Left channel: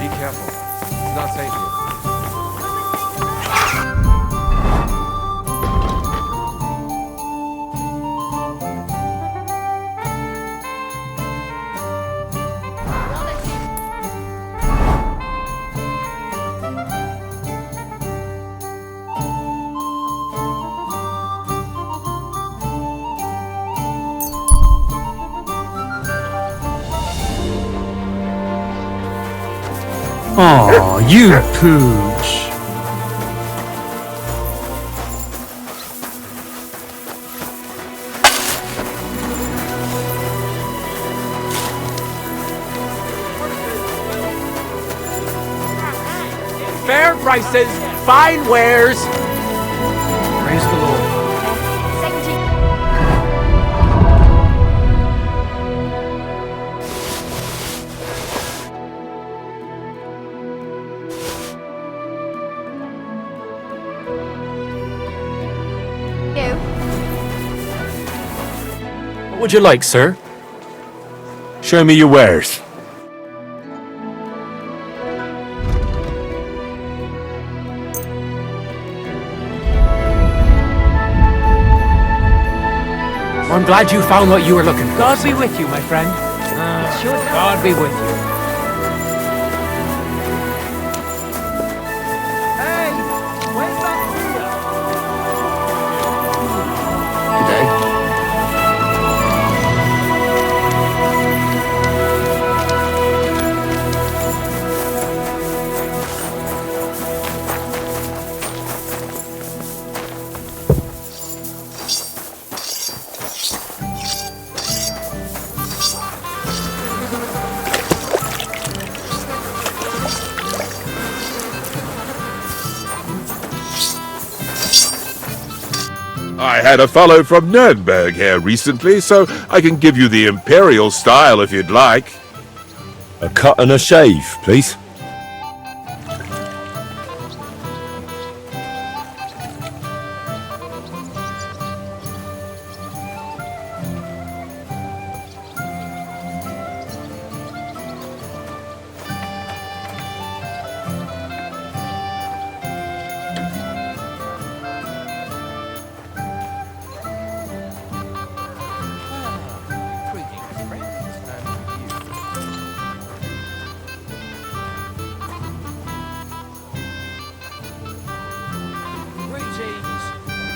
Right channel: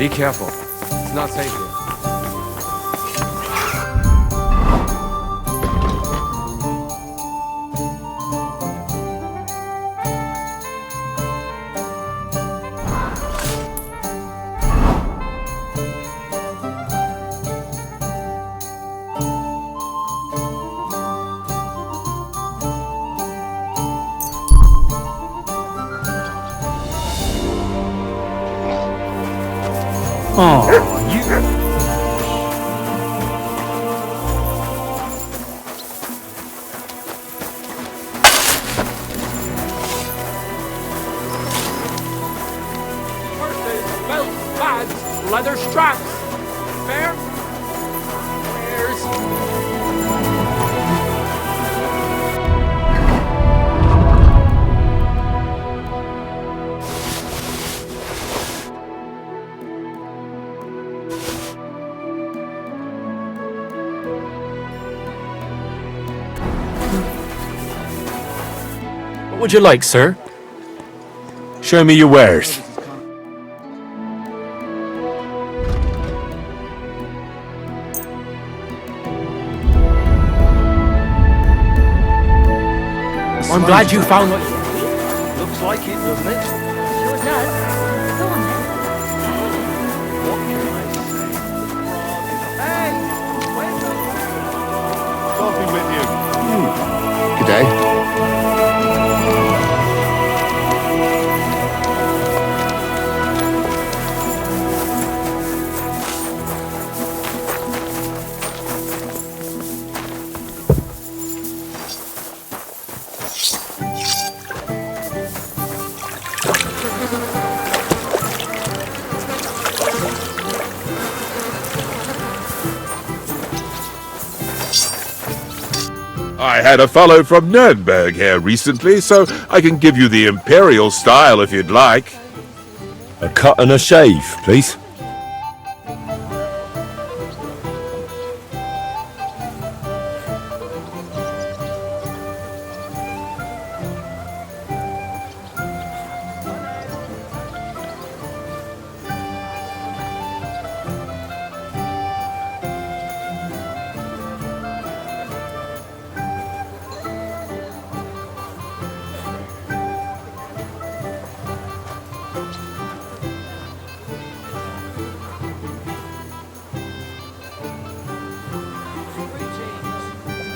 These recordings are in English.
Be careful. It's not safe here. Aw, you pooch. Purses, belts, bags, leather straps. Fair prices, fine wares. Praise the Lord. What would you like, sir? Show me your wares. I'm glad you found what you were looking for. God be with you, my friend. Should God be with you. Hey, where's that Good day. I had a fellow from Nuremberg here recently, so I can give you the imperial style if you'd like. A cut and a shave, please.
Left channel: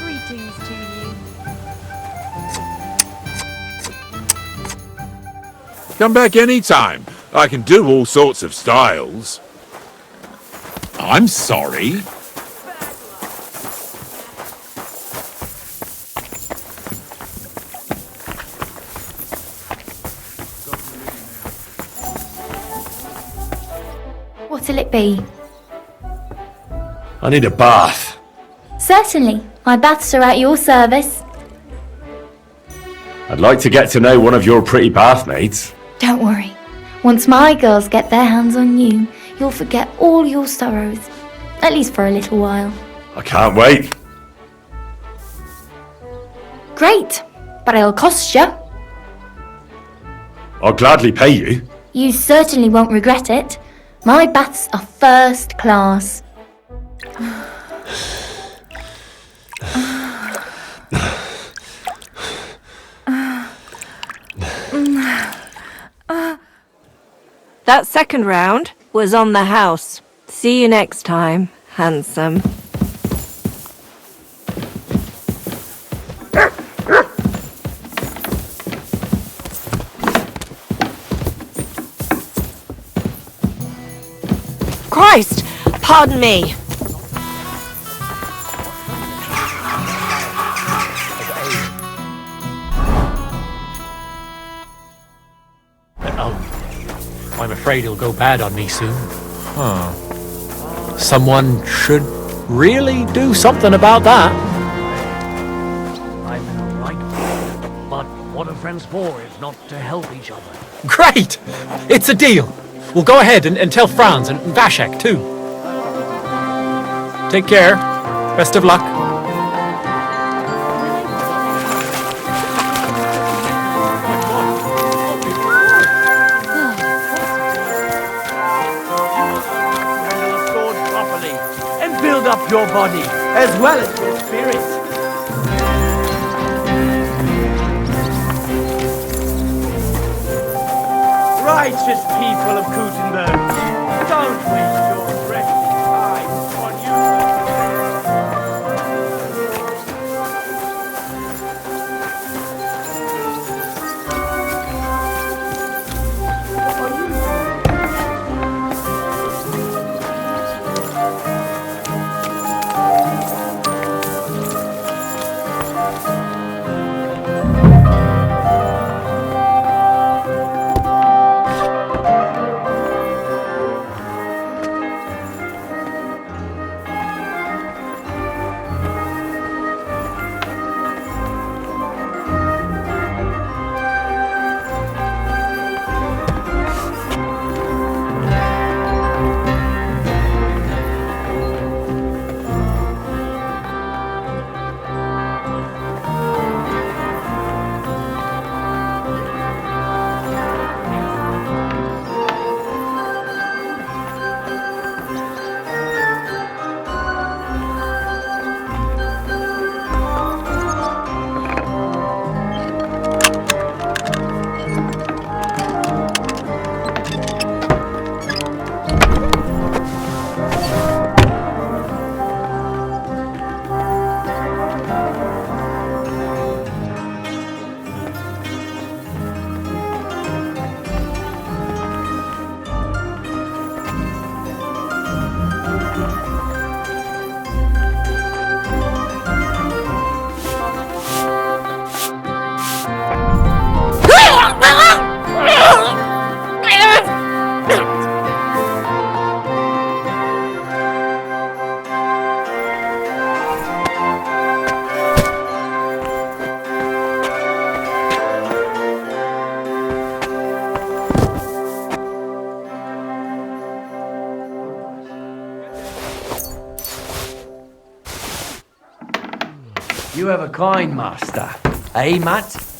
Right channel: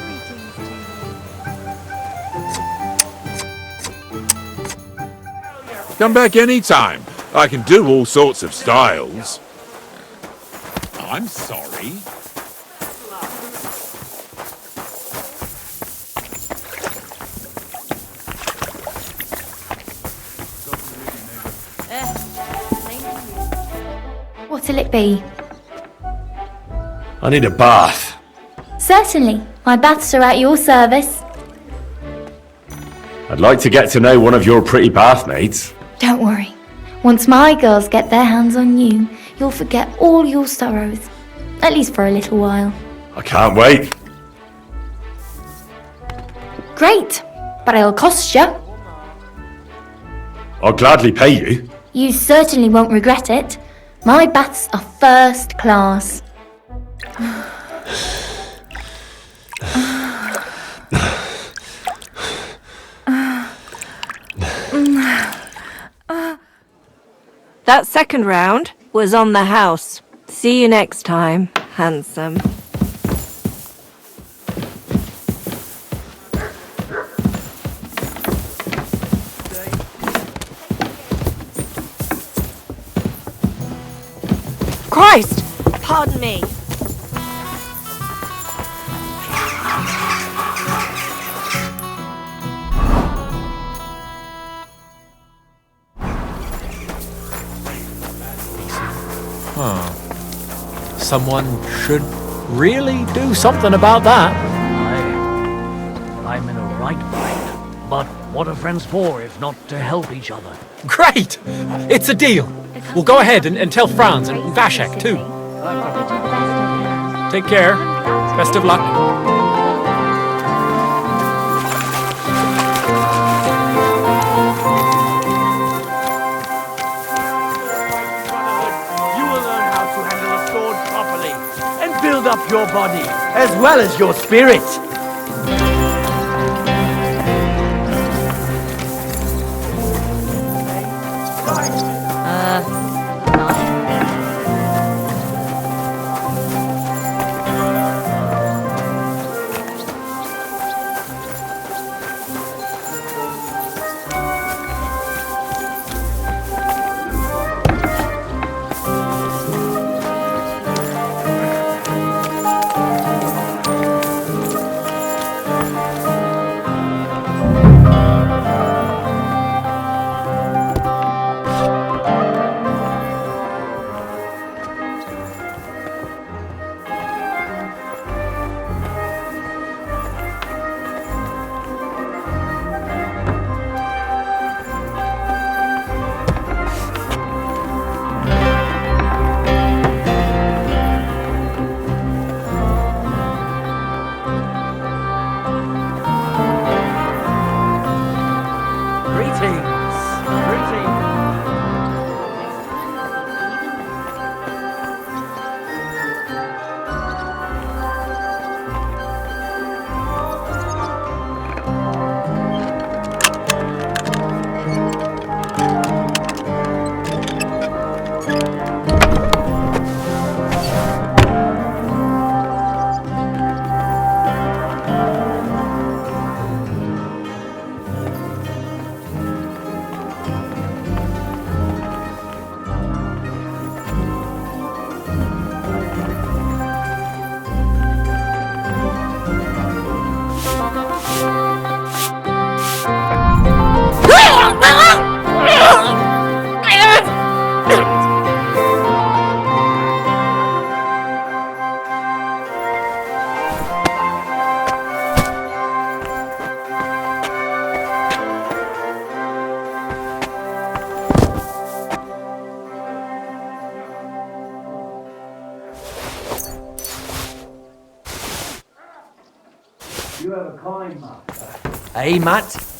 Greetings to you. Come back anytime. I can do all sorts of styles. I'm sorry. What'll it be? I need a bath. Certainly. My baths are at your service. I'd like to get to know one of your pretty bathmates. Don't worry. Once my girls get their hands on you, you'll forget all your sorrows. At least for a little while. I can't wait. Great. But it'll cost you. I'll gladly pay you. You certainly won't regret it. My baths are first class. That second round was on the house. See you next time, handsome. Christ! Pardon me. I'm afraid it'll go bad on me soon. Someone should really do something about that. I'm in a right bind. But what are friends for if not to help each other? Great! It's a deal. We'll go ahead and tell Franz and Vashek too. Take care. Best of luck. You will build up your body as well as your spirit. Righteous people of Kuttenberg, don't waste your precious time on You have a kind master, eh, Matt?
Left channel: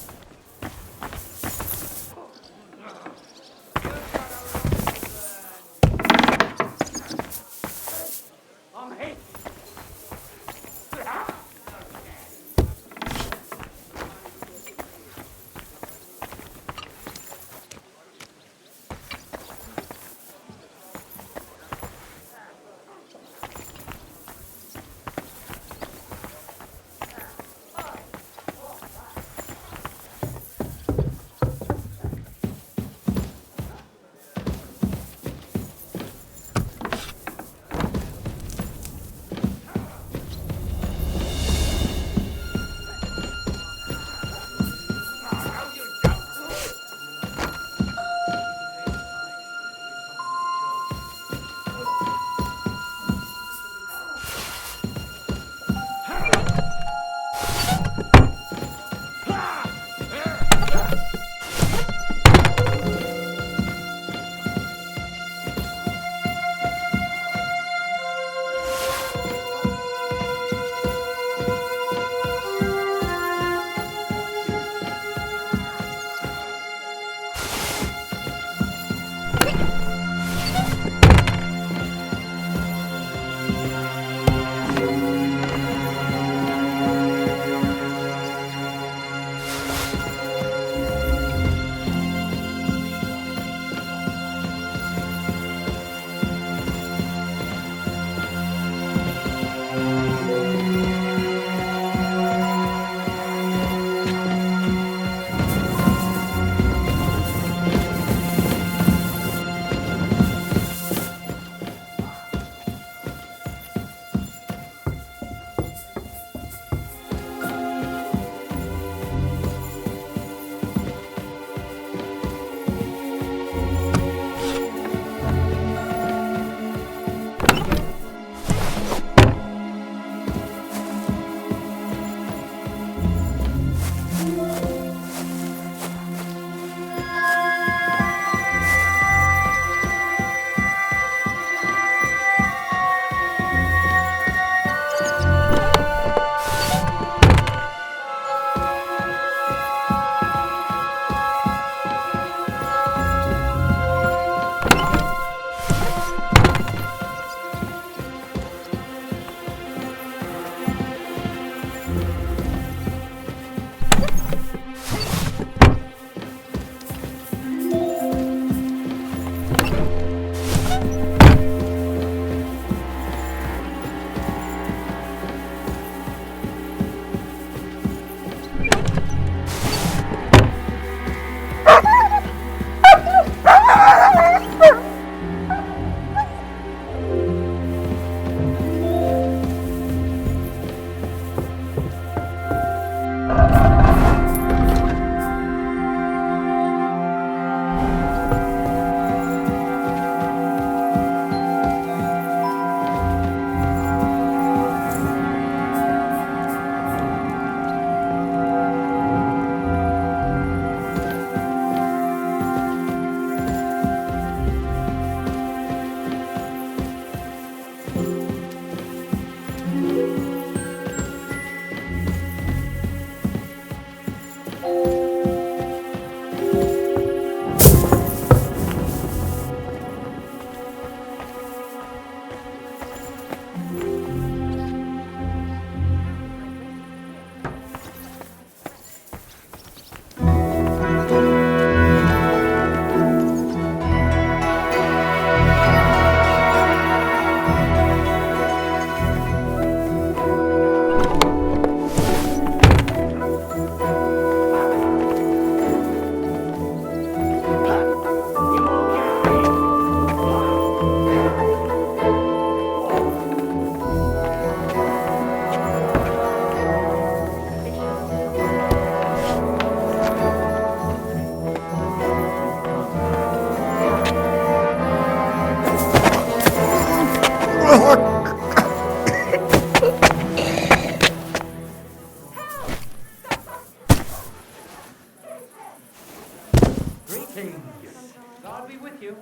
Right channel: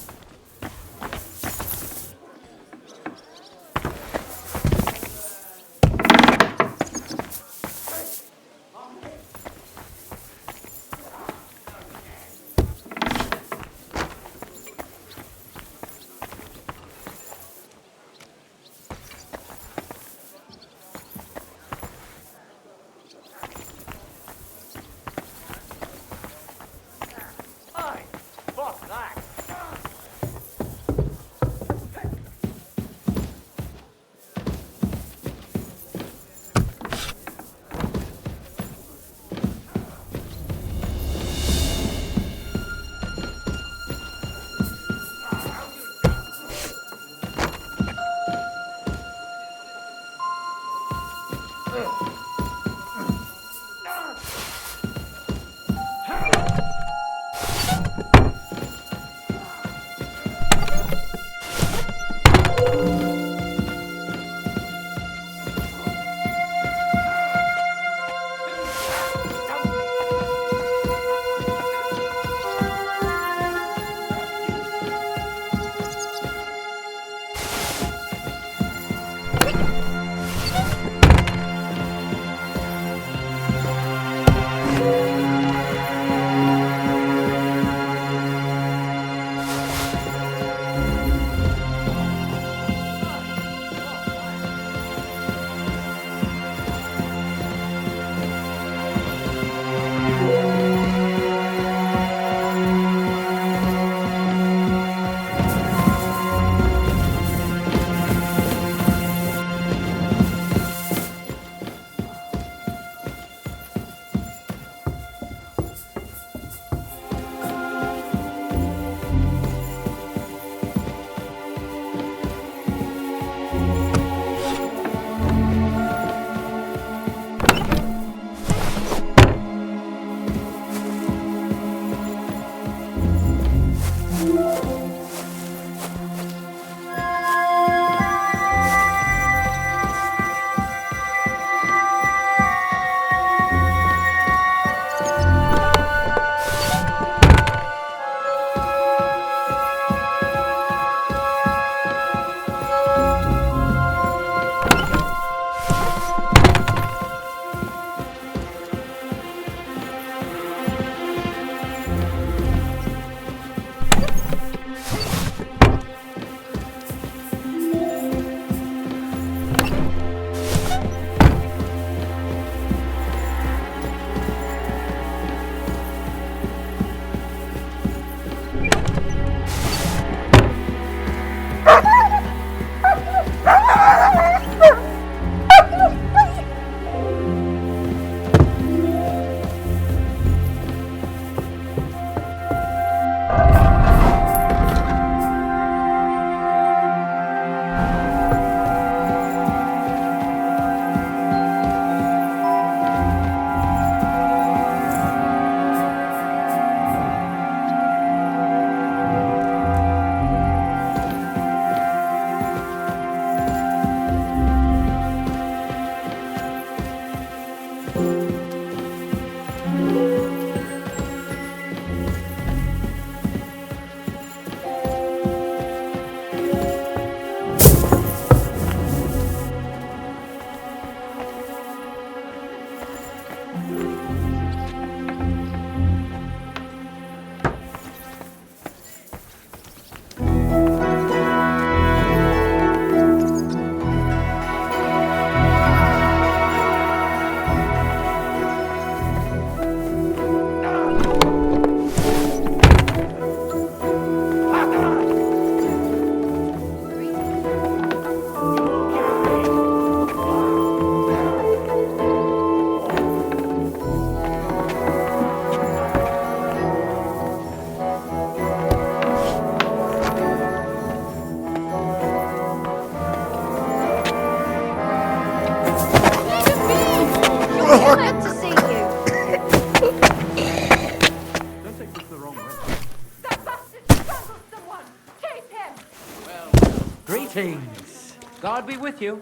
Greetings. God be with you.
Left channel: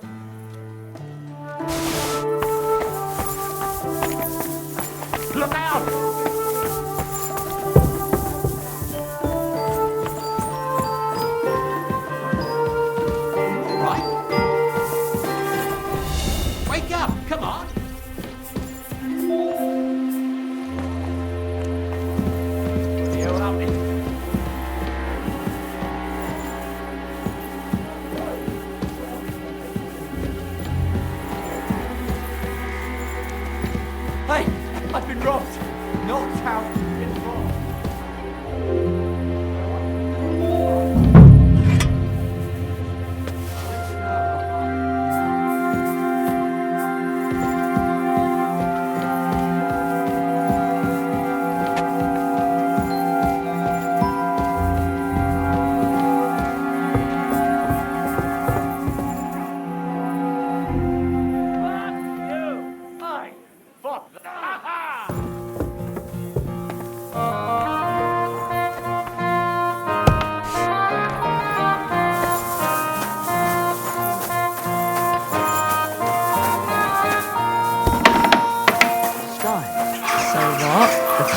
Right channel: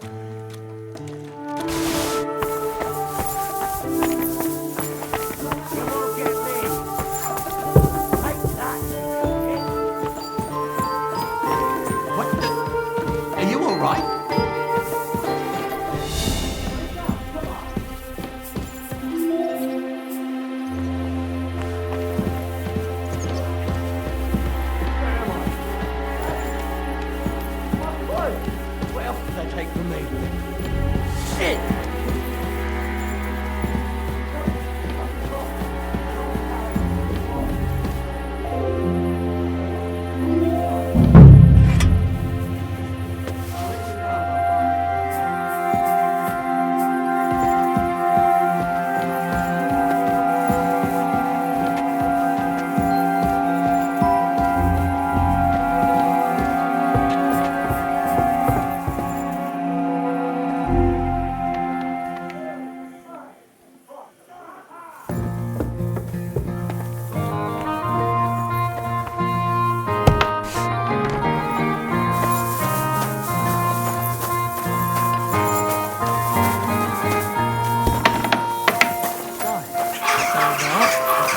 Look out, won't get me. Are you all right? Wake up, come on. Well, they take from me. Shit. Hey, I've been wrong. Not how it's been wrong. I'll let you know if I find it.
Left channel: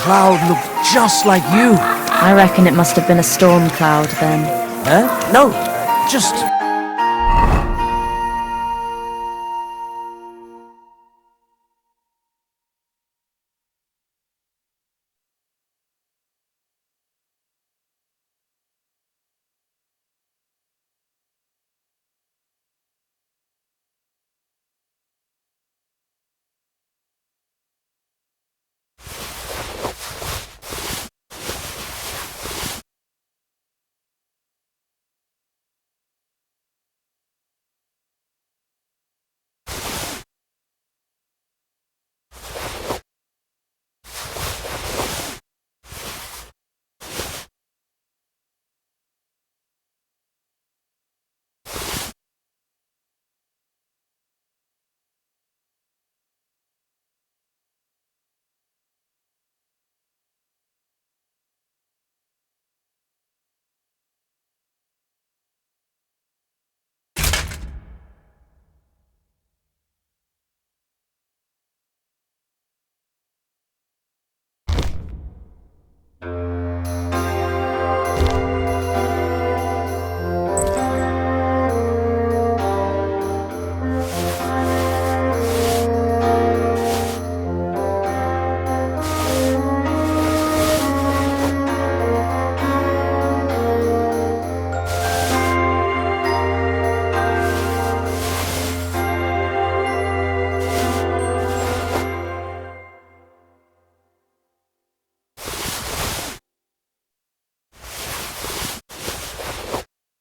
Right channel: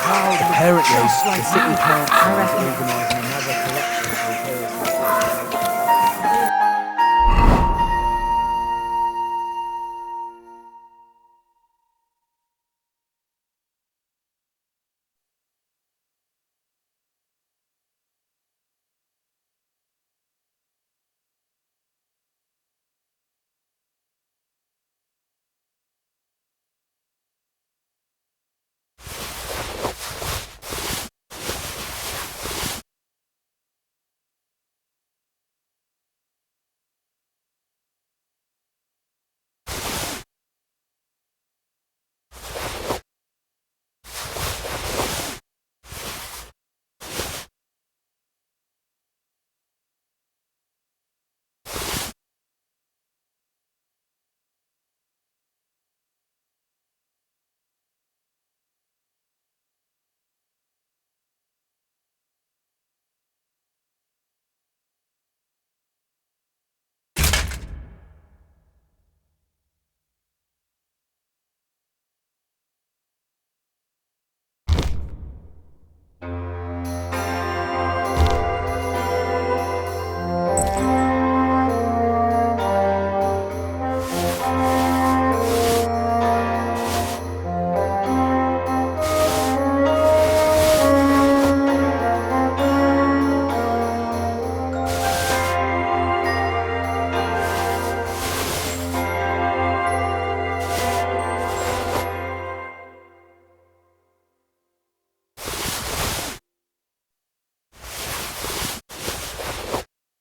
Cloud looked just like you. I reckon it must have been a storm cloud then. Huh? No, just...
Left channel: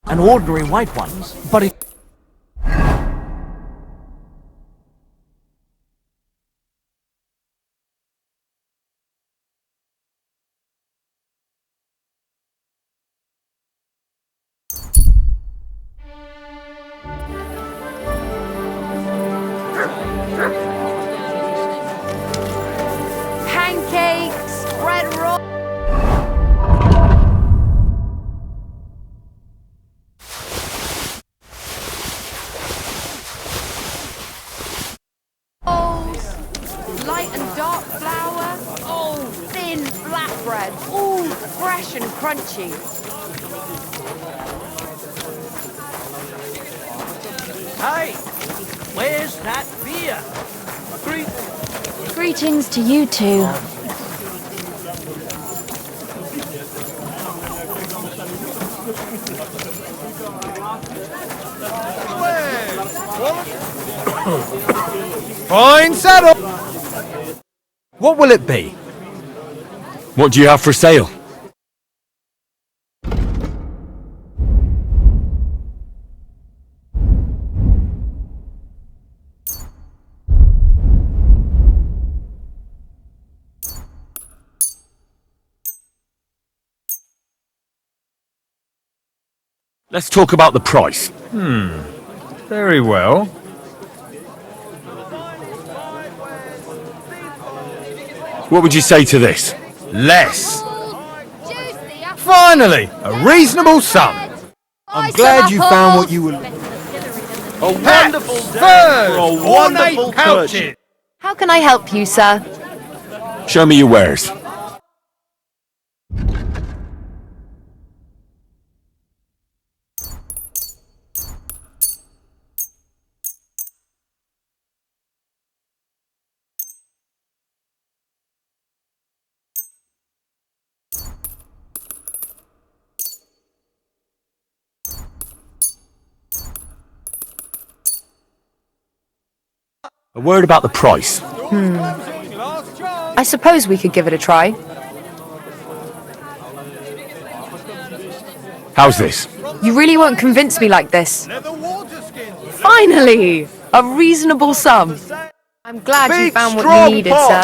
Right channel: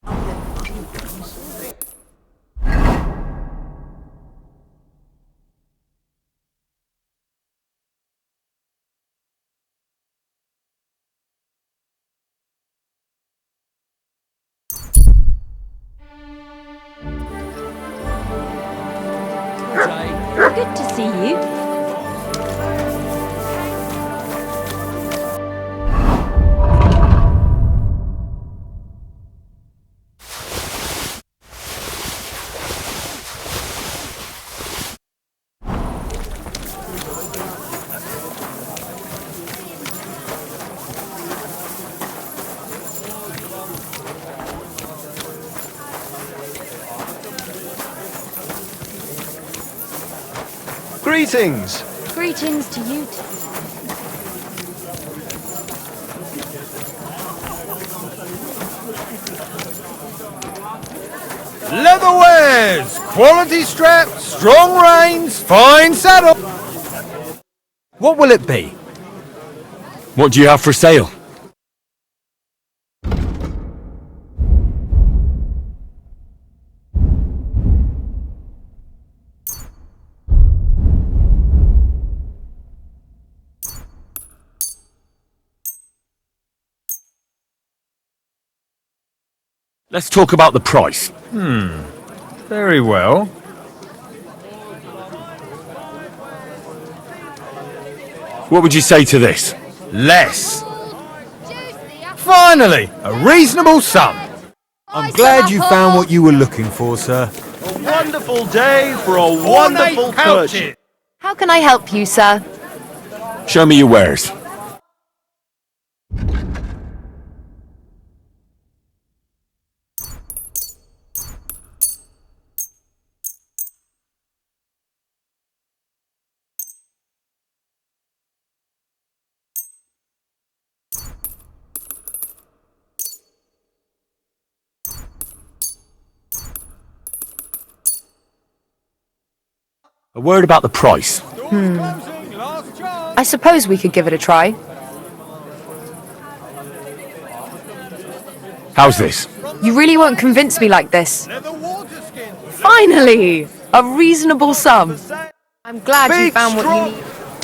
An ordinary white one, but it... Good to see you. Pancakes, bread roll. Light and dark flour. Oh, thin flatbread. Oh, fresh and crunchy. Hey, where's that beer? Greetings! Greetings to you two. Leatherwares! Quality straps, strong reins, fine saddle! What will it be? What do you have for sale? Let's talk about the price. Very well. What would you say to this? Less. Finally, a reasonable sum. I'm glad you found what you were looking for, sir. A wonderful day for a wonderful purchase. How can I help you, sir? Show me your wares. A word about the price. I suppose we could give it a try. How's this? You really won't convince me like this. Finally! A reasonable sum. I'm glad you found what you needed, sir.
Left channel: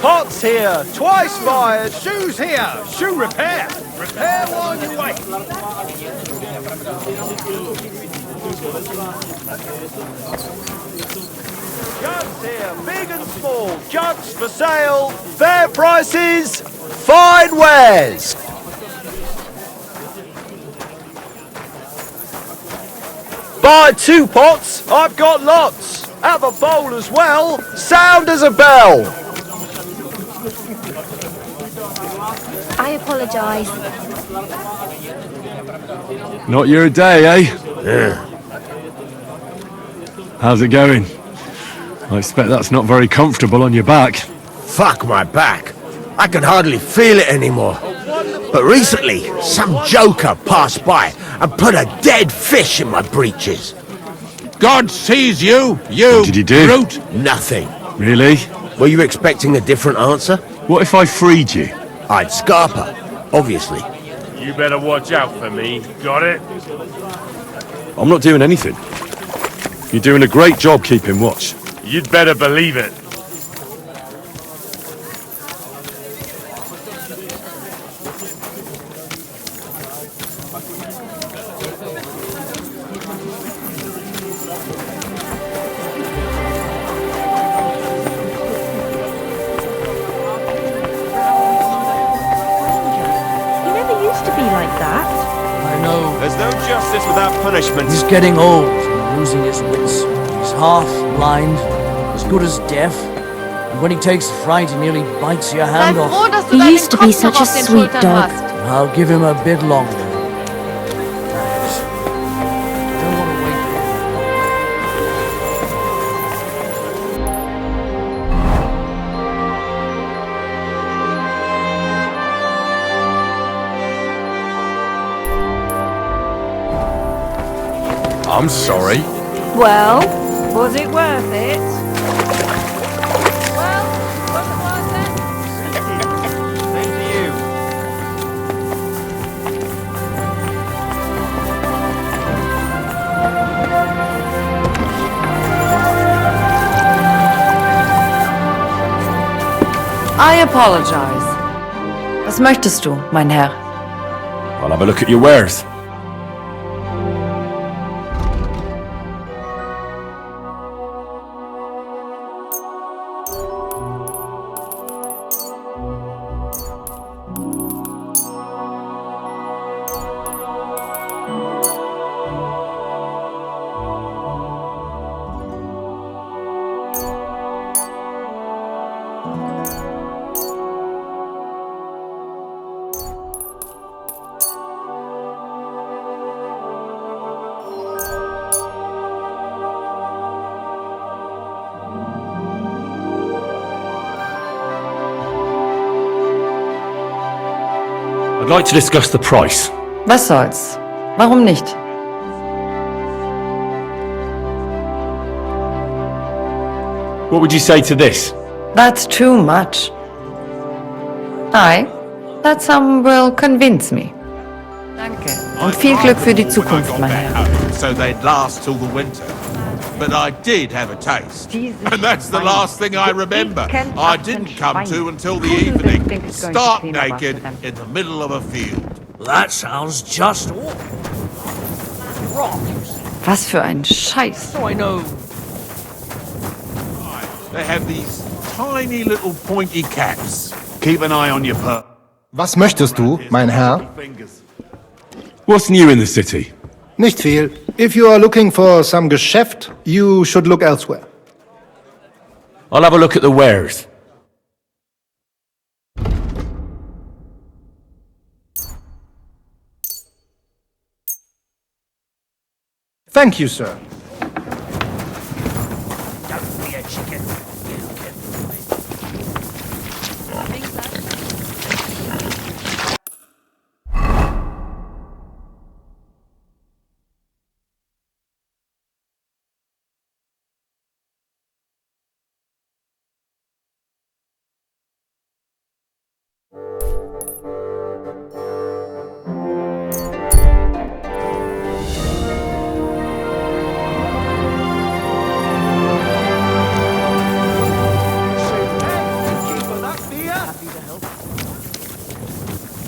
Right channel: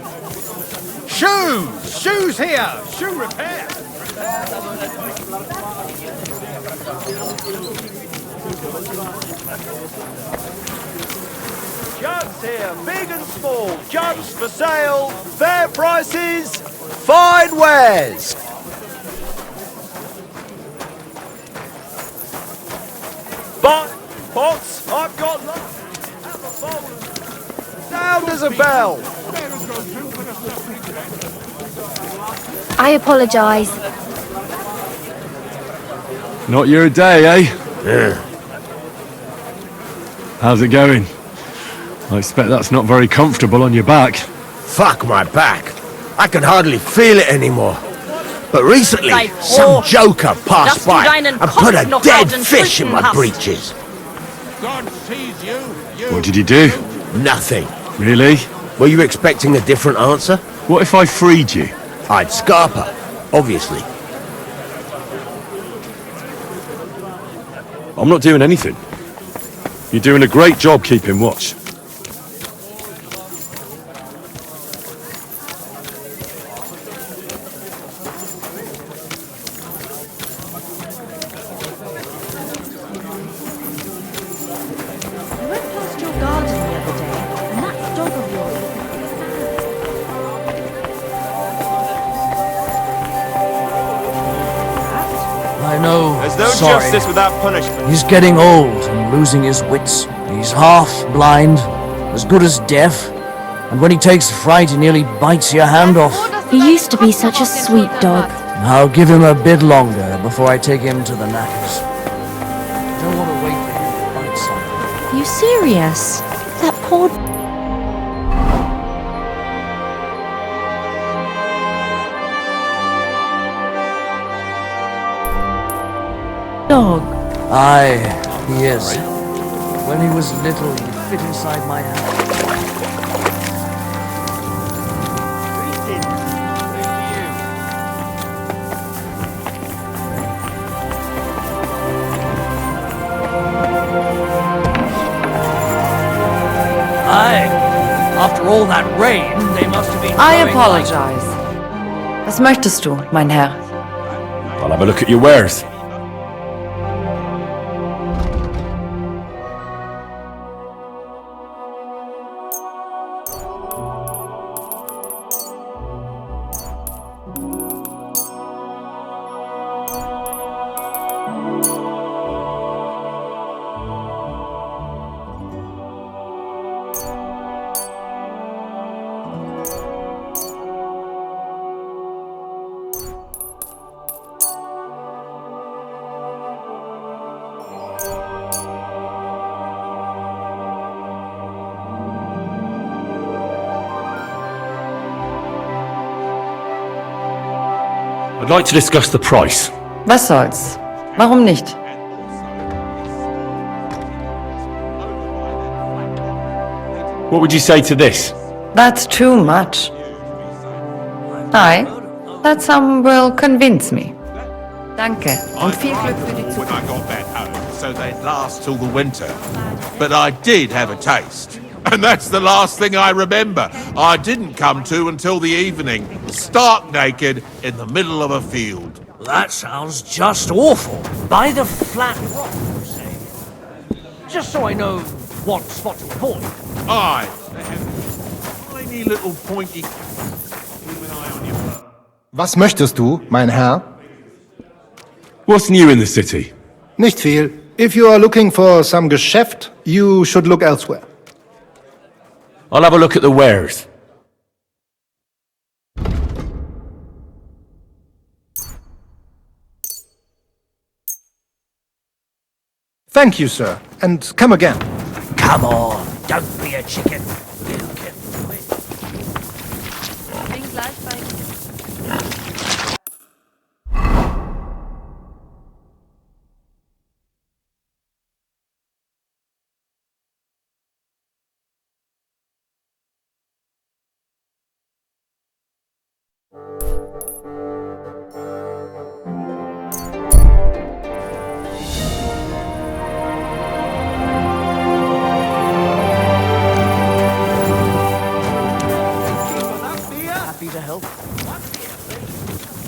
Pots here, twice size. Shoes here! Shoe repair! Repair while you wait! Jugs here, big and small. Jugs for sale. Fair prices. Fine wares. Buy 2 pots. I've got lots. Have a bowl as well. Sound as a bell. I apologise. Not your day, eh? Yeah. How's it going? I expect that's not very comfortable on your back. Fuck my back. I can hardly feel it anymore. But recently, some joker passed by and put a dead fish in my breeches. God sees you, you What did he do? brute. Nothing. Really? Were you expecting a different answer? What if I freed you? I'd scarp her, obviously. You better watch out for me. Got it? I'm not doing anything. You're doing a great job keeping watch. You'd better believe it. I know. There's no sorry. justice without punishment. He's getting old and losing his wits. He's half blind, as good as deaf. And when he takes fright, he nearly bites your hand off. He used to be such a sweet dog. I'll give him a bit longer before I take him to the knackers. I don't want to wait for him to bite something. Are you serious? That poor... dog. I'm sorry. Well, When he was little, was it worth inside it? my hand. Aye. After all that rain, they must have been... I apologize. Was möchtest du, mein Herr? I'll have a look at your wares. I'd like to discuss the price. Was soll's? Warum nicht? What would you say to this? That's too much. Aye, that sum will convince me. Danke und viel Glück für die Zukunft, mein Herr. So they'd last till the winter. But I did have a taste. And that's the last thing I remember. I didn't come to until the evening, stark naked in the middle of a field. That sounds just awful. By the flat rock, you say? Was für ein Scheiß. Just so I know what spot's called. Aye, they have these tiny little pointy caps. Keep an eye on your Was möchtest du, mein Herr? What's new in the city? Nicht viel. If you are looking for some Geschäft, you should look elsewhere. I'll have a look at the wares. Thank you, sir. And come again. Come on, don't be a chicken. You can do it.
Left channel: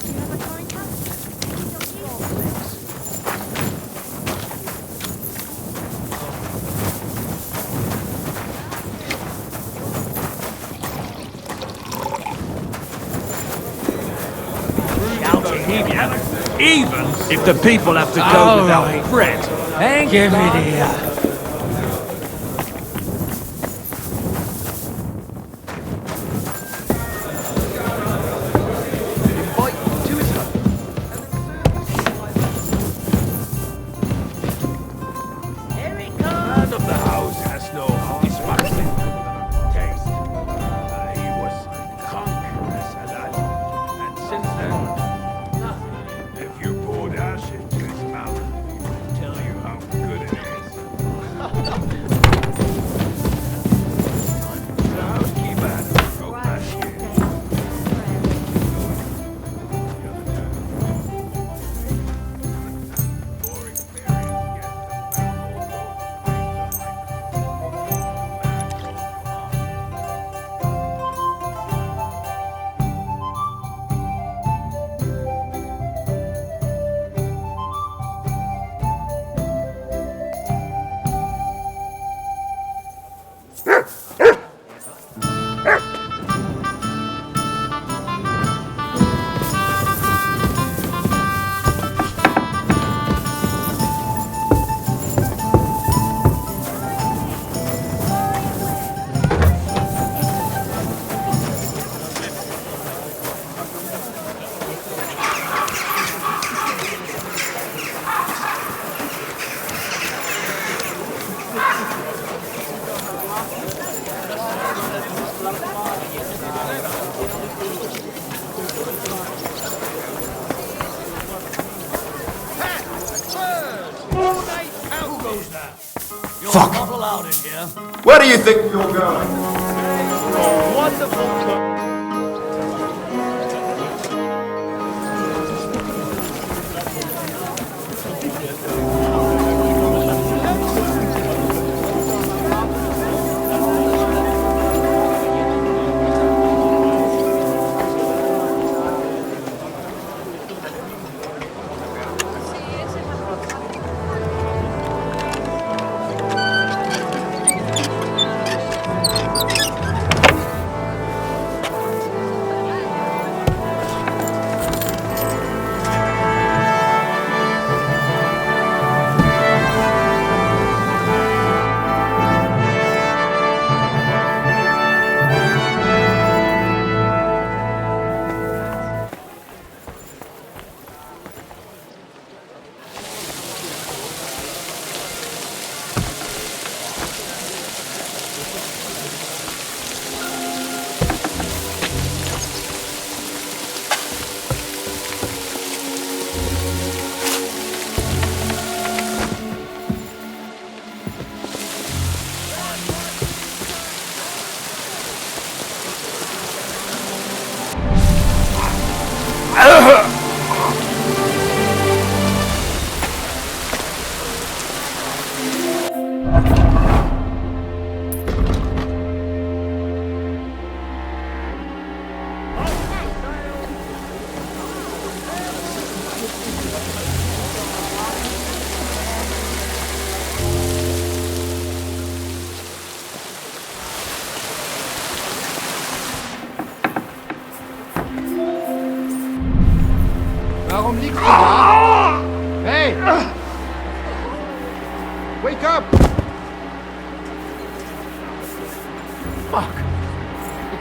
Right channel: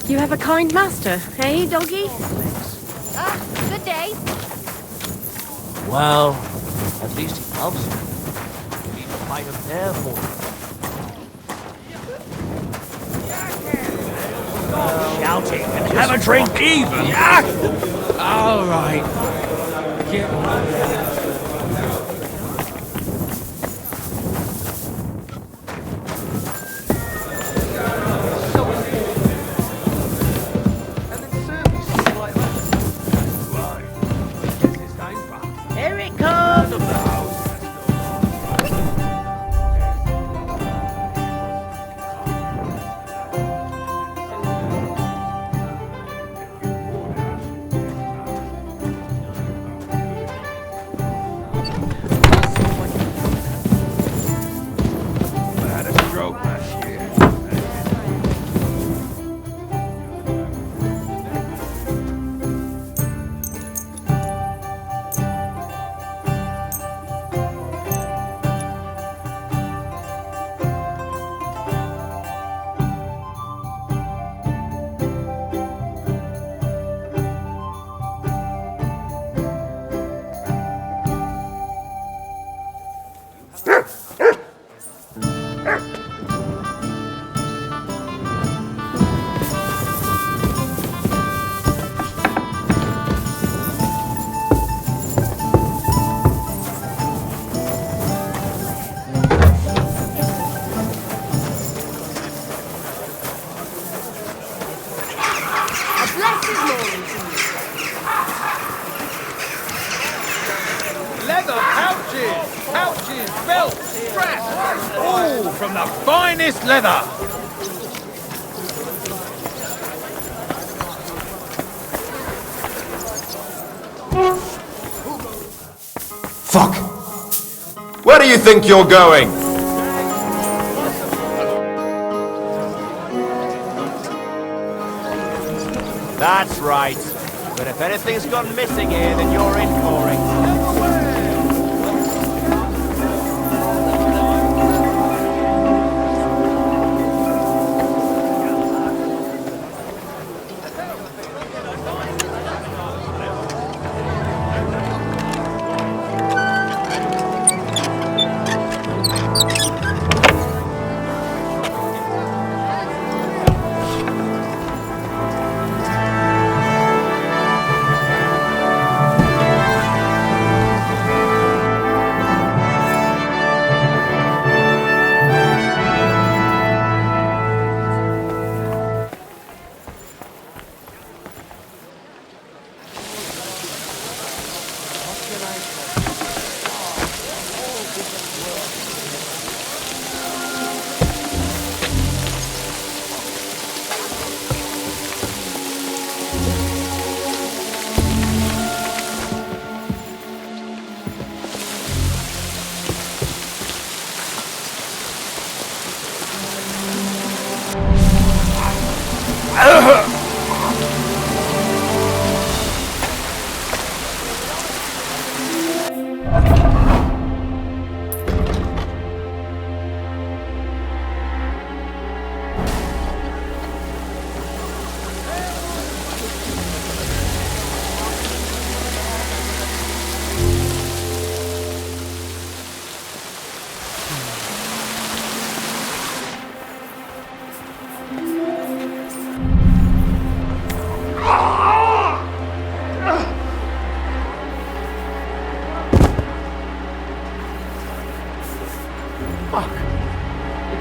You have a kind master, eh, doggy? Good day. Well, at least it helps. Shouting, have a drink. Even if the people have to go All without right. bread. Give me the... Here it comes! Of the house has no honest taste. He was conscious of that. And since then, if you poured acid to his mouth, he would tell you how good it is. Keeper had a stroke last year. Finest leather! Fuck! Where do you think you're going? That's right. But if anything's gone missing here, then you're in for it.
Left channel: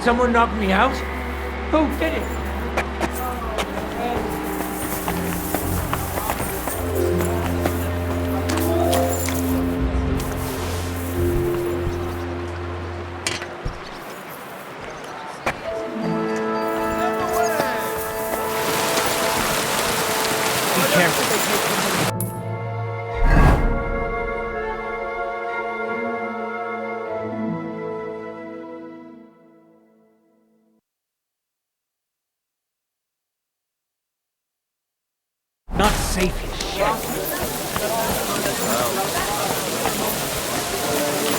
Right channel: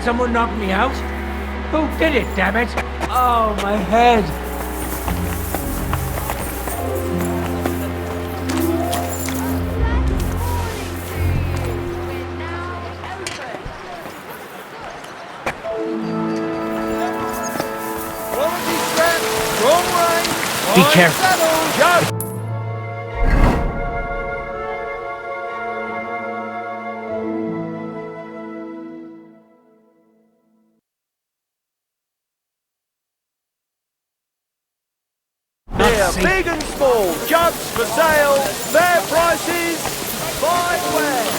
someone knock me out? Who did it, damn it? Oh, my head. Be careful. Not safe. Big and small, jugs for sale, fair prices, fine way.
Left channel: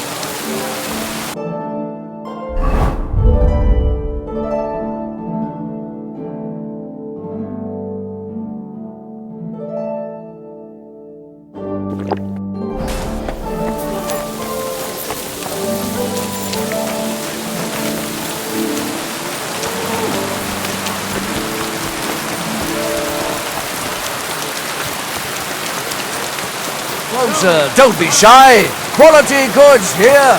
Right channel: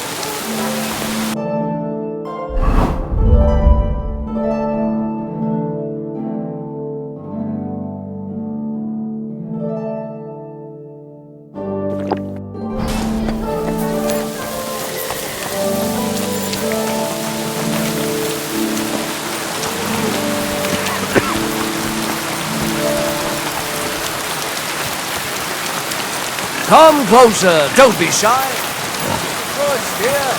Come closer, don't be shy. Quality goods here.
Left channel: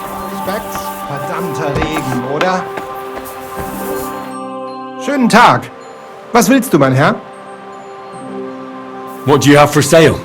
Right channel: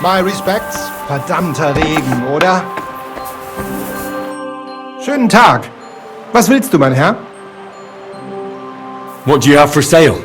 My respects. Verdammter Regen, oder? Schönen Tag. Was willst du, mein Herr? What do you have for sale?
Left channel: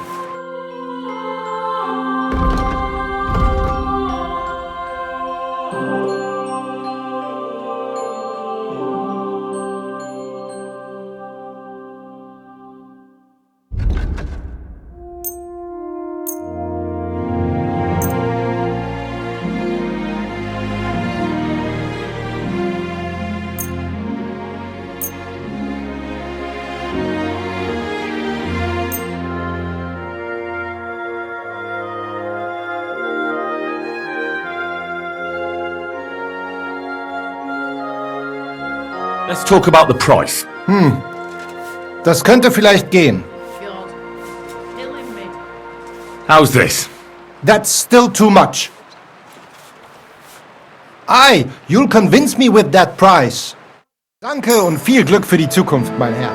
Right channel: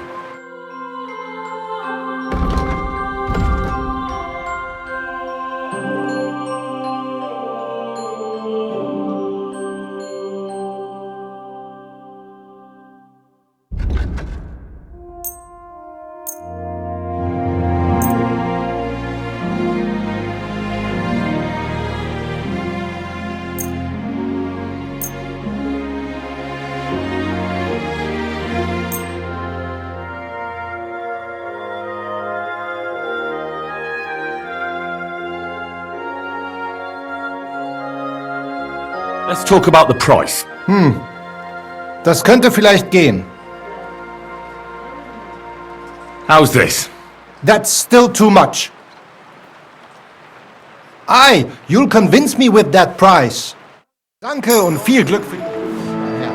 Let's talk about the price. Das könnte vielleicht gehen. How's this? That's still too much. Aye, you'll convince me with that price. Danke und viel Glück für die Zukunft, mein Herr.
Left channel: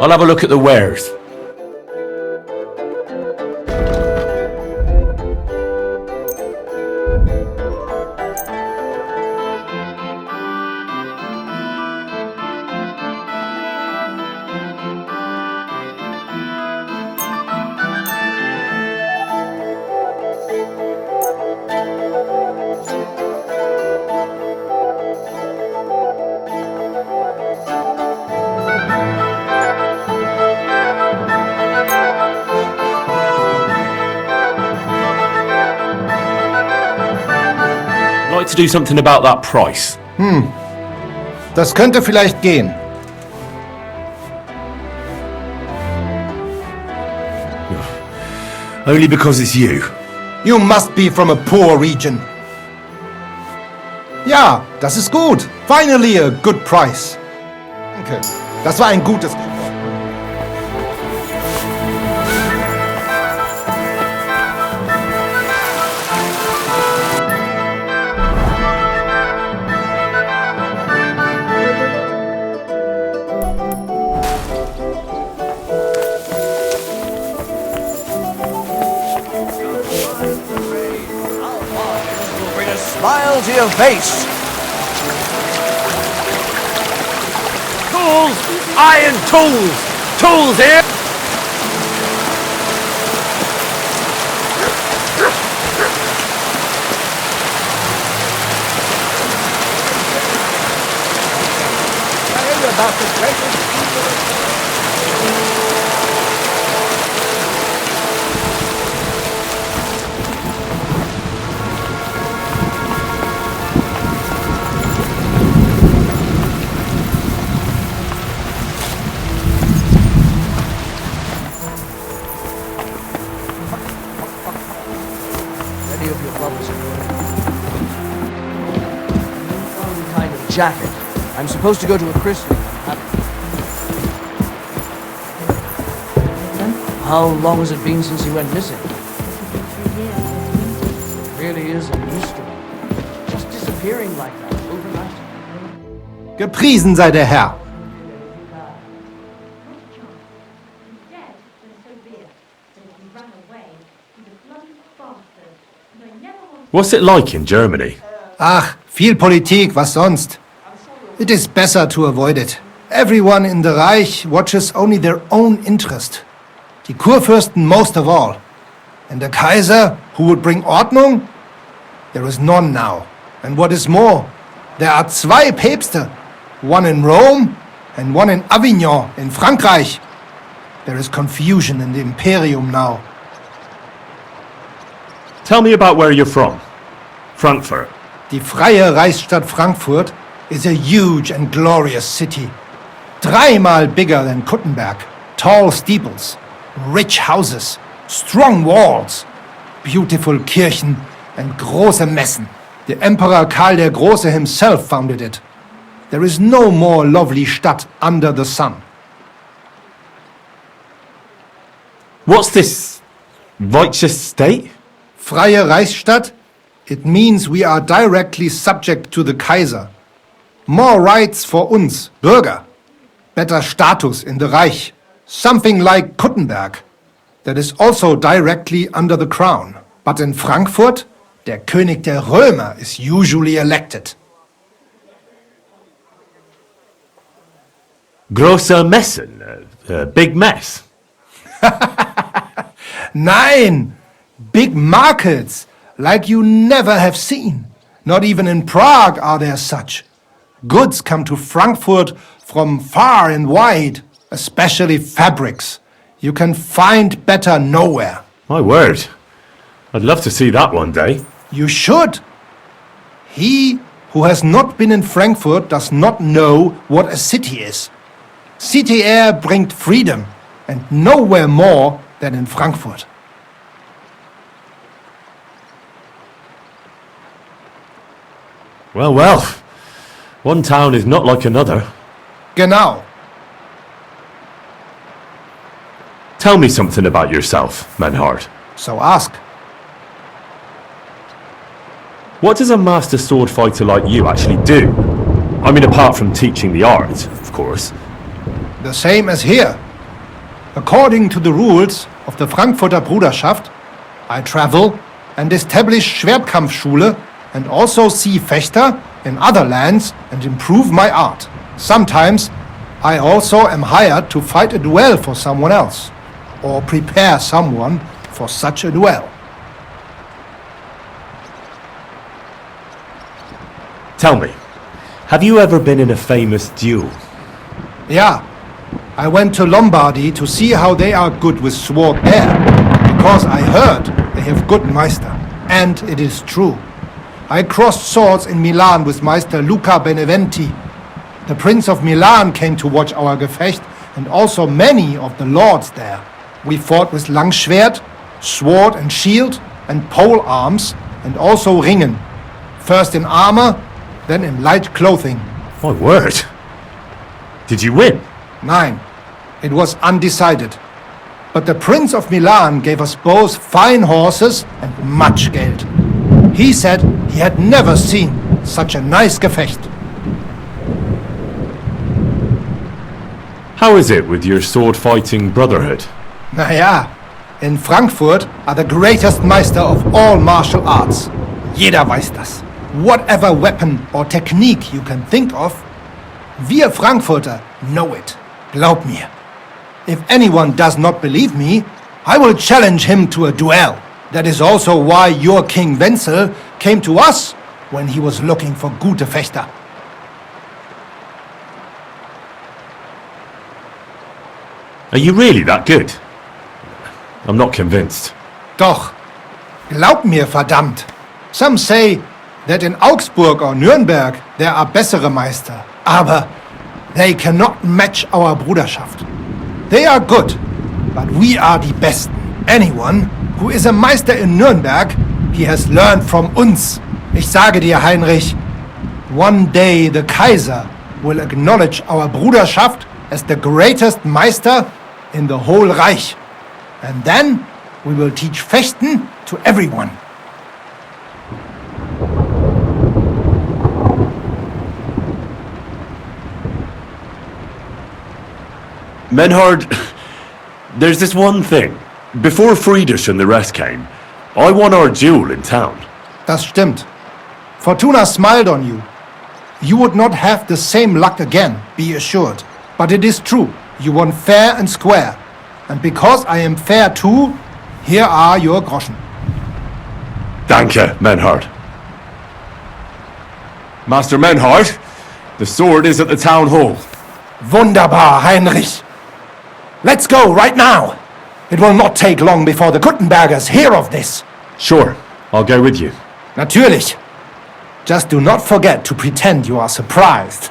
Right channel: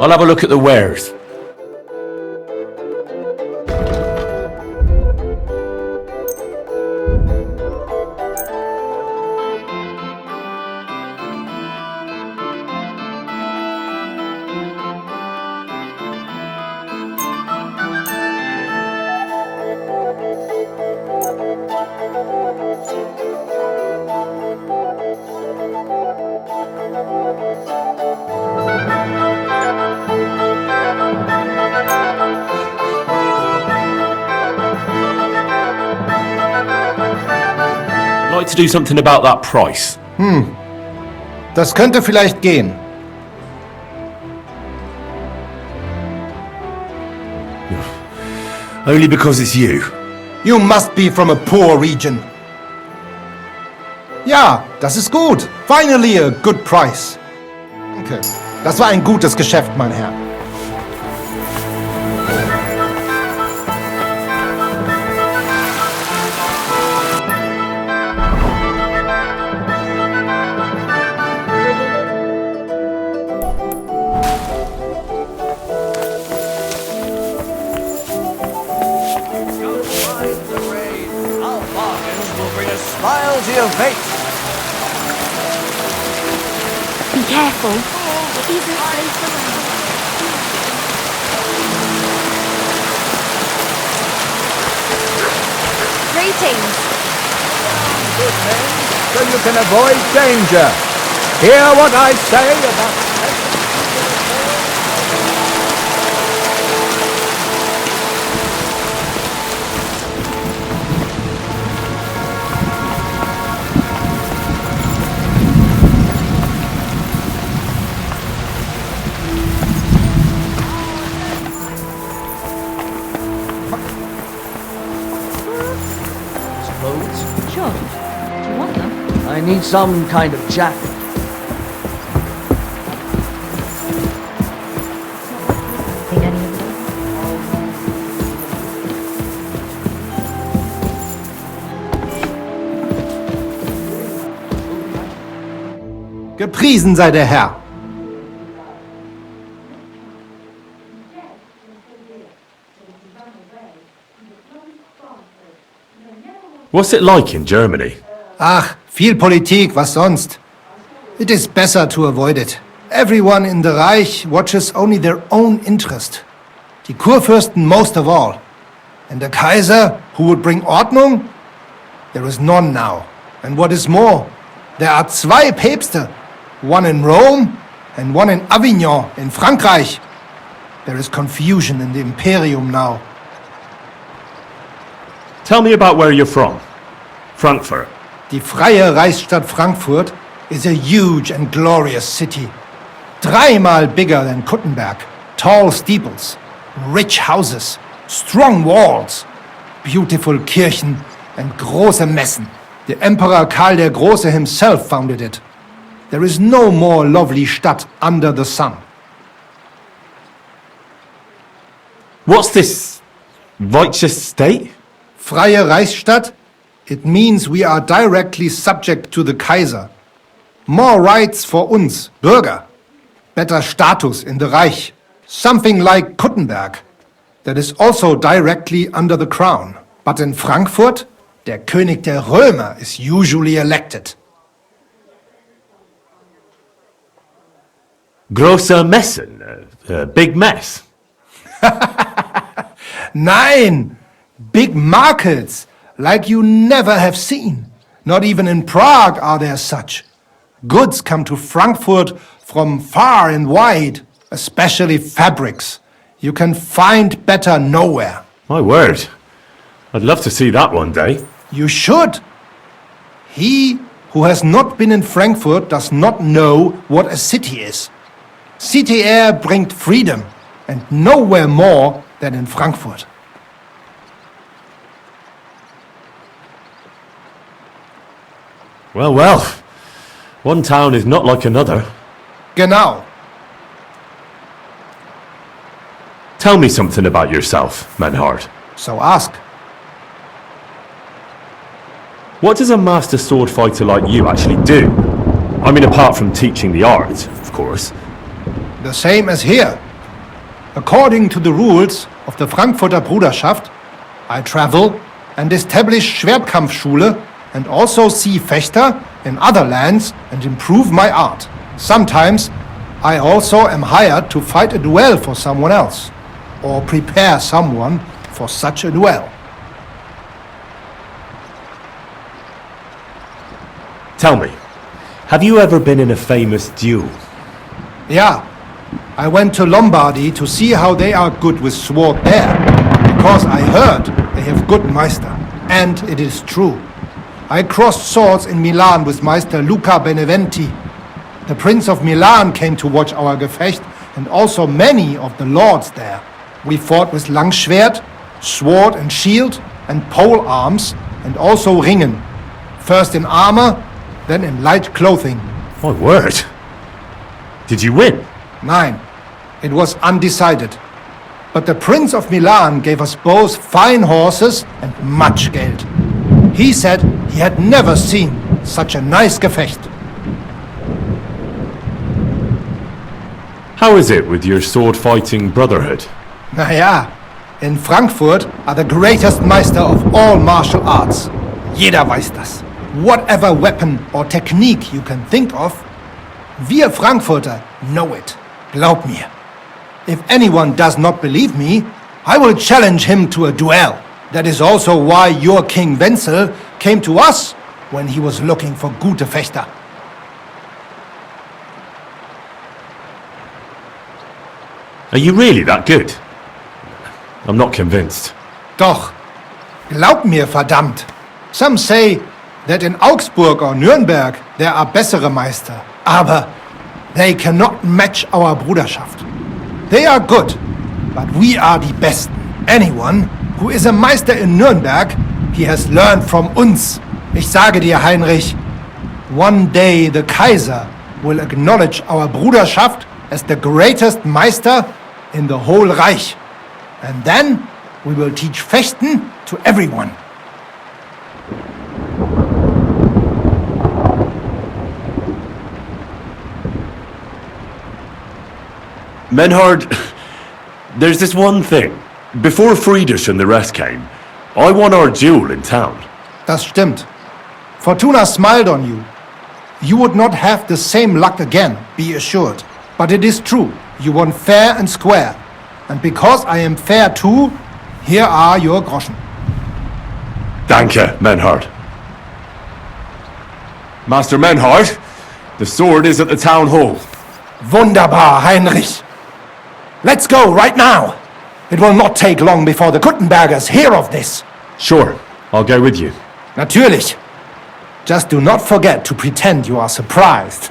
I'll have a look at the wares. I'd like to do something about that price. Das könnte vielleicht gehen. Only because it's you. You must be from a poor region. Ja, das ist gut. Finally a good price. Danke. Das war ein gutes Geschäft, mein Herr. Smile to your face. Be careful. Tools! Iron tools! Tools here! Greetings. Then you can avoid danger. Hear what I say about the precious people of God. some kind of jacket. I'm supposed to go to a Christmas. How long has it been since you went missing? It really is a mystery. Just disappearing like that overnight. Gepriesen sei der Herr. What's it like in Germany? Ach, viel Politik, was sonst? It is better to avoid it. Everyone in the Reich watches only their own interest. Die Kurfürsten most of all. And the Kaiser, who would bring Ordnung? There is none now. And what is more, there are zwei Päpste. One in Rome and one in Avignon in Frankreich. There is confusion in the Imperium now. Tell me about where you're from. Frankfurt. Die freie Reichsstadt Frankfurt is a huge and glorious city. 3-mal bigger than Kuttenberg. Tall steeples, rich houses, strong walls, beautiful Kirchen and große Messen. The Emperor Karl der Große himself founded it. There is no more lovely Stadt under the sun. What's this righteous state? Freie Reichsstadt? It means we are directly subject to the Kaiser. More rights for uns, Bürger. Better status in the Reich. Something like Kuttenberg. That is also directly under the crown. But in Frankfurt, der König der Römer is usually elected. Große Messen, big mess. Nein! Big markets, like you never have seen. Not even in Prague are there such. Goods come to Frankfurt from far and wide, especially fabrics. You can find better nowhere. My word. I'd love to see that one day. You should. He who has not been in Frankfurt does not know what a city is. City air bringt freedom, and nowhere more than in Frankfurt. Well, well. One town is not like another. Genau. Tell me something about yourself, Manhart. So ask. What does a master sword fighter like you actually do? I mean, apart from teaching the art, of course. The same as here. According to the rules of the Frankfurter Bruderschaft, I travel and establish Schwertkampfschule and also see Fechter in other lands and improve my art. Sometimes I also am hired to fight a duel for someone else, or prepare someone for such a duel. Tell me, have you ever been in a famous duel? Yeah, I went to Lombardy to see how they are good with sword there, because I heard they have good Meister, and it is true. I crossed swords in Milan with Meister Luca Beneventi. The Prince of Milan came to watch our Gefecht, and also many of the lords there. We fought with Langschwert, sword and shield, and pole arms, and also ringen. First in armor, then in light clothing. My word. Did you win? Nein, it was undecided. But the Prince of Milan gave us both fine horses and much Geld. He said he had never seen such a nice Gefecht. How is it with your sword-fighting Brotherhood? Naja, in Frankfurt are the greatest Meister of all martial arts. Jeder weiß das. Whatever weapon or technique you can think of, wir Frankfurter know it. Glaub mir. If anyone does not believe me, I will challenge him to a duel. That is also why your King Wenzel came to us when he was looking for gute Fechter. Are you really that good? I'm not convinced. Doch. Glaub mir, verdammt. Some say that in Augsburg or Nürnberg there are bessere Meister. Aber they cannot match our Bruderschaft. They are good, but we are die Besten. Anyone who is a Meister in Nürnberg, he has learned from uns. Ich sage dir, Heinrich, One day the Kaiser will acknowledge our Bruderschaft as the greatest Meister in the whole Reich. And then we will teach Fechten to everyone. Menhard, there's this one thing. Before Friedrich and the rest came, I won our duel in town. Das stimmt. Fortuna smiled on you. You would not have the same luck again, be assured. But it is true, you won fair and square. And because I am fair too, here are your Groschen. Danke, Menhard. Master Menhard, the sword is at the town hall. Wunderbar, Heinrich. Let's go right now. It will not take long before the Kuttenbergers hear of this. Sure, I'll go with you. Natürlich. Just do not forget to pretend you are surprised.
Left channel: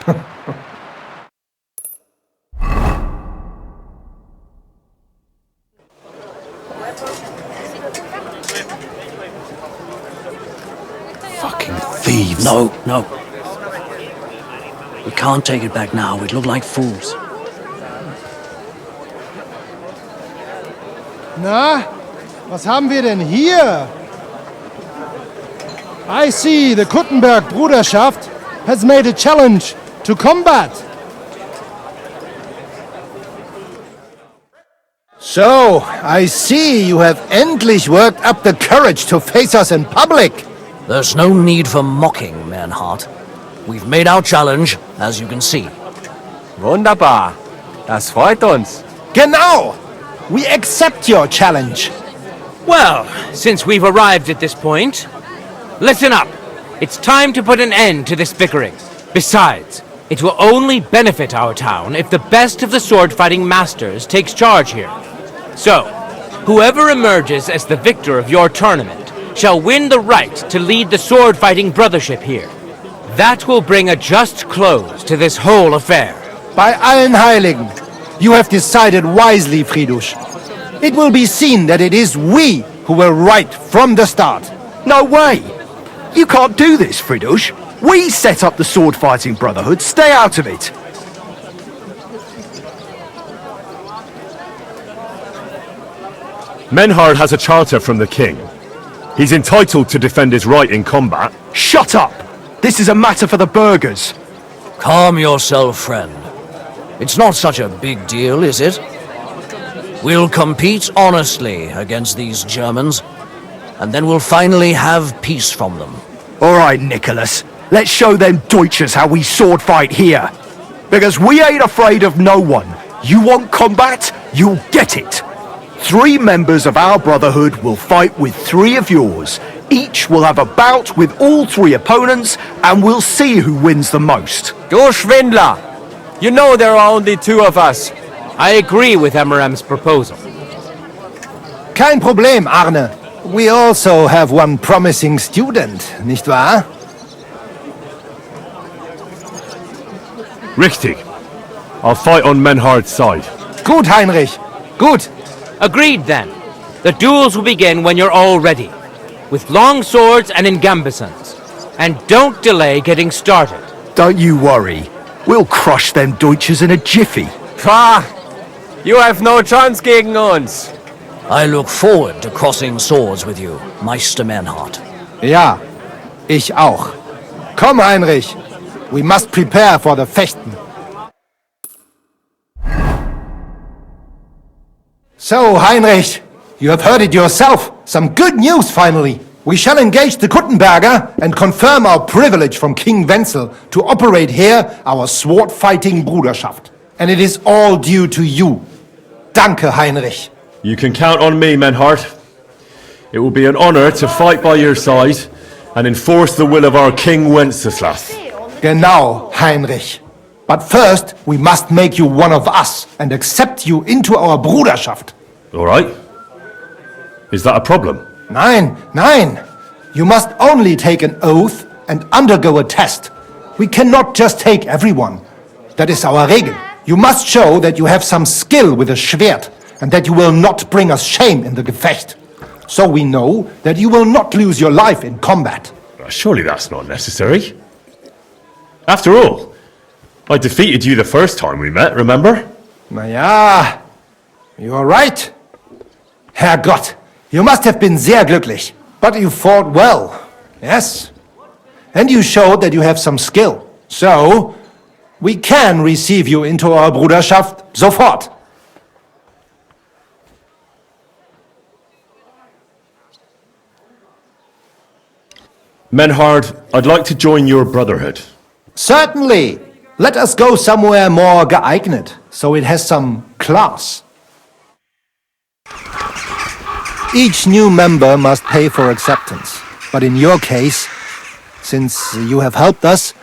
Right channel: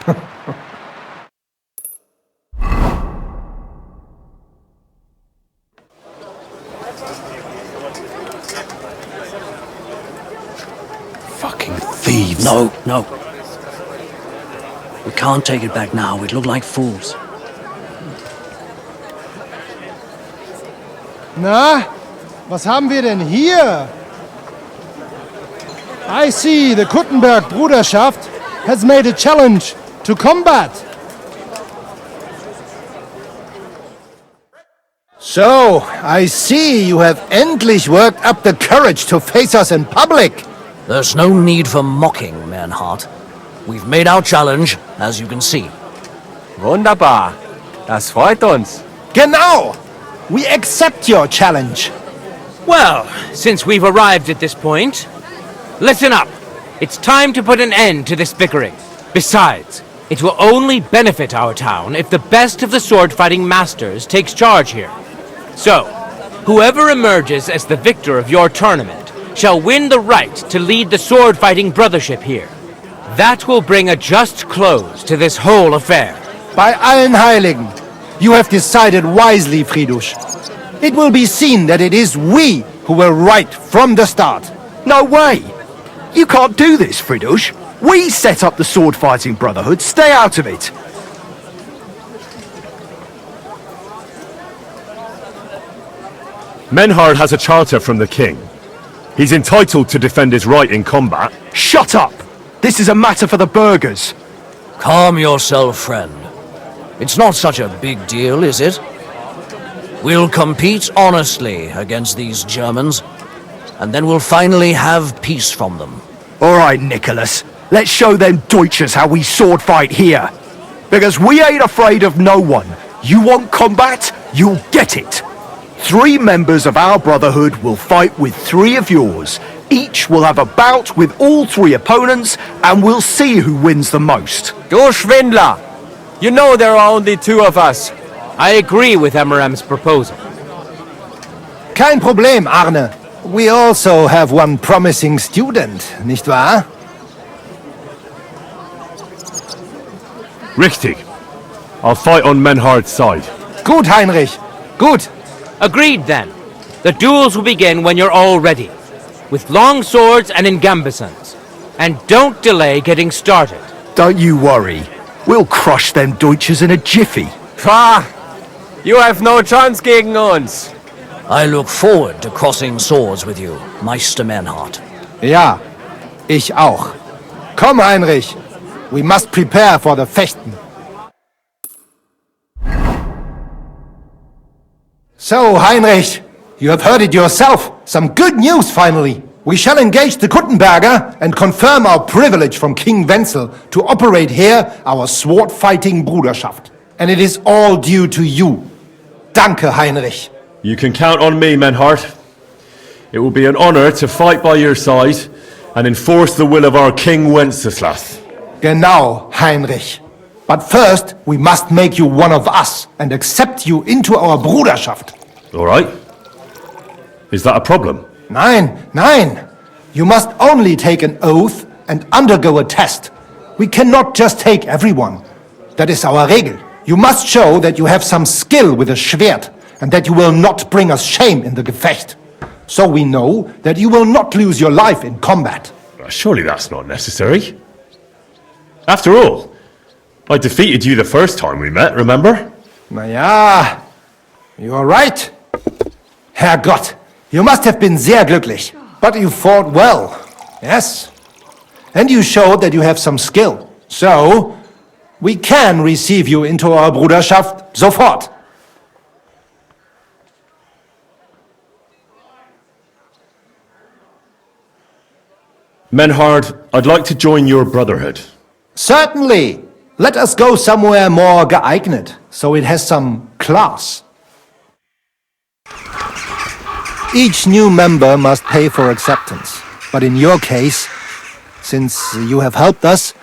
Fucking thieves. No. We can't take it back now. We'd look like fools. Na, was haben wir denn hier? I see the Kuttenberg Bruderschaft has made a challenge to combat. So, I see you have endlich worked up the courage to face us in public. There's no need for mocking, Mernhardt. We've made our challenge, as you can see. Wunderbar. Das freut uns. Genau! We accept your challenge. Well, since we've arrived at this point, listen up. It's time to put an end to this bickering. Besides, it will only benefit our town if the best of the sword-fighting masters takes charge here. So, whoever emerges as the victor of your tournament shall win the right to lead the sword-fighting brothership here. That will bring a just close to this whole affair. Bei allen Heiligen, you have decided wisely, Friedrich. It will be seen that it is we who were right from the start. No way! You can't do this, Friedrich. We set up the sword-fighting Brotherhood. Stay out of it. Menhard has a charter from the king. He's entitled to defend his right in combat. Shut up! This is a matter for the burghers. Calm yourself, friend. It's not such a big deal, is it? We'll compete honestly against these Germans, and then we'll finally have peace from them. All right, Nicholas. Let's show them Deutschers how we sword fight here. Because we ain't afraid of no one. You want combat? You'll get it. 3 members of our Brotherhood will fight with 3 of yours. Each will have a bout with all 3 opponents, and we'll see who wins the most. Du Schwindler! You know there are only 2 of us. I agree with Emerem's proposal. Kein Problem, Arne. We also have one promising student, nicht wahr? Richtig. I'll fight on Menhard's side. Gut, Heinrich. Gut. Agreed then. The duels will begin when you're all ready, with long swords and in gambesons. And don't delay getting started. Don't you worry. We'll crush them Deutschers in a jiffy. Pah! You have no chance gegen uns. I look forward to crossing swords with you, Meister Mernhardt. Ja, ich auch. Komm, Heinrich. We must prepare for the Fechten. So, Heinrich, you have heard it yourself. Some good news, finally. We shall engage the Kuttenberger and confirm our privilege from King Wenzel to operate here our sword-fighting Bruderschaft. And it is all due to you. Danke, Heinrich. You can count on me, Menhard. It will be an honor to fight by your side and enforce the will of our King Wenceslas. Genau, Heinrich. But first, we must make you one of us and accept you into our Bruderschaft. All right. Is that a problem? Nein, nein. You must only take an oath and undergo a test. We cannot just take everyone. That is our Regel. You must show that you have some skill with a Schwert and that you will not bring us shame in the Gefecht. So we know that you will not lose your life in combat. Surely that's not necessary. After all, I defeated you the first time we met, remember? Na ja, you are right. Herrgott, you must have been sehr glücklich. But you fought well, yes. And you showed that you have some skill. So, we can receive you into our Bruderschaft sofort. Menhard, I'd like to join your Brotherhood. Certainly. Let us go somewhere more geeignet, so it has some class. Each new member must pay for acceptance. But in your case, since you have helped us,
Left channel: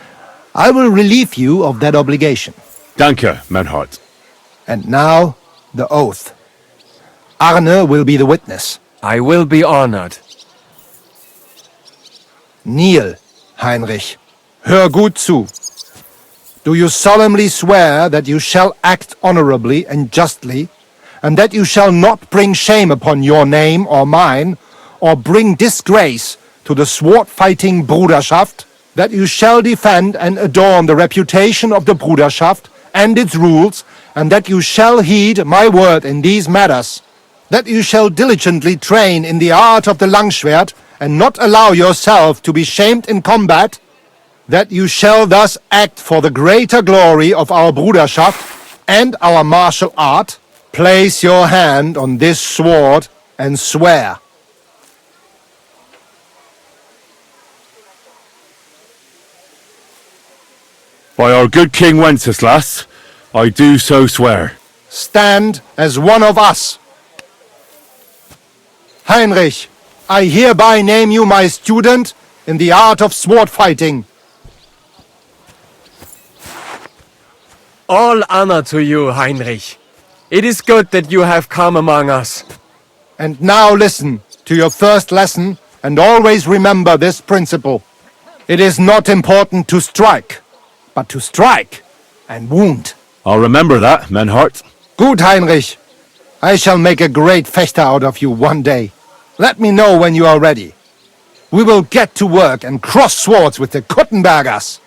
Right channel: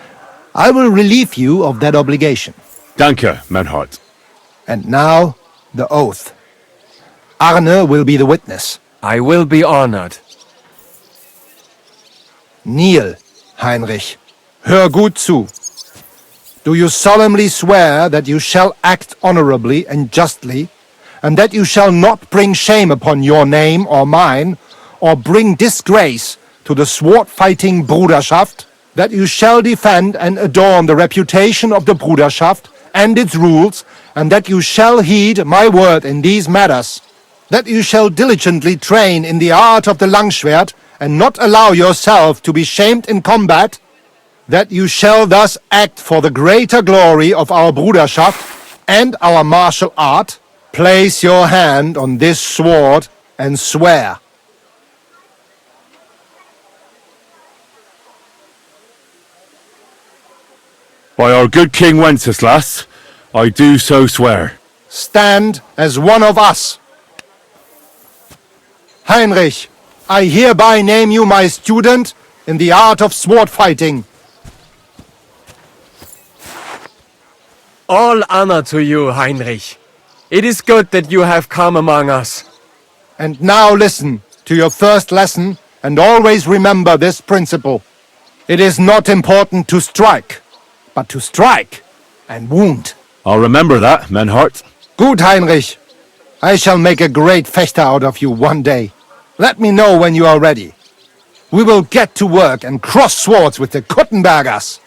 I will relieve you of that obligation. Danke, Menhard. And now, the oath. Arne will be the witness. I will be honored. Kneel, Heinrich. Hör gut zu. Do you solemnly swear that you shall act honorably and justly, and that you shall not bring shame upon your name or mine, or bring disgrace to the sword-fighting Bruderschaft, that you shall defend and adorn the reputation of the Bruderschaft and its rules, and that you shall heed my word in these matters, that you shall diligently train in the art of the Langschwert, and not allow yourself to be shamed in combat, that you shall thus act for the greater glory of our Bruderschaft and our martial art, place your hand on this sword and swear. By our good King Wenceslas, I do so swear. Stand as one of us. Heinrich, I hereby name you my student in the art of sword fighting. All honor to you, Heinrich. It is good that you have come among us. And now listen to your first lesson and always remember this principle. It is not important to strike, but to strike and wound. I'll remember that, Menhard. Gut, Heinrich. I shall make a great fechter out of you one day. Let me know when you are ready. We will get to work and cross swords with the Kuttenbergers.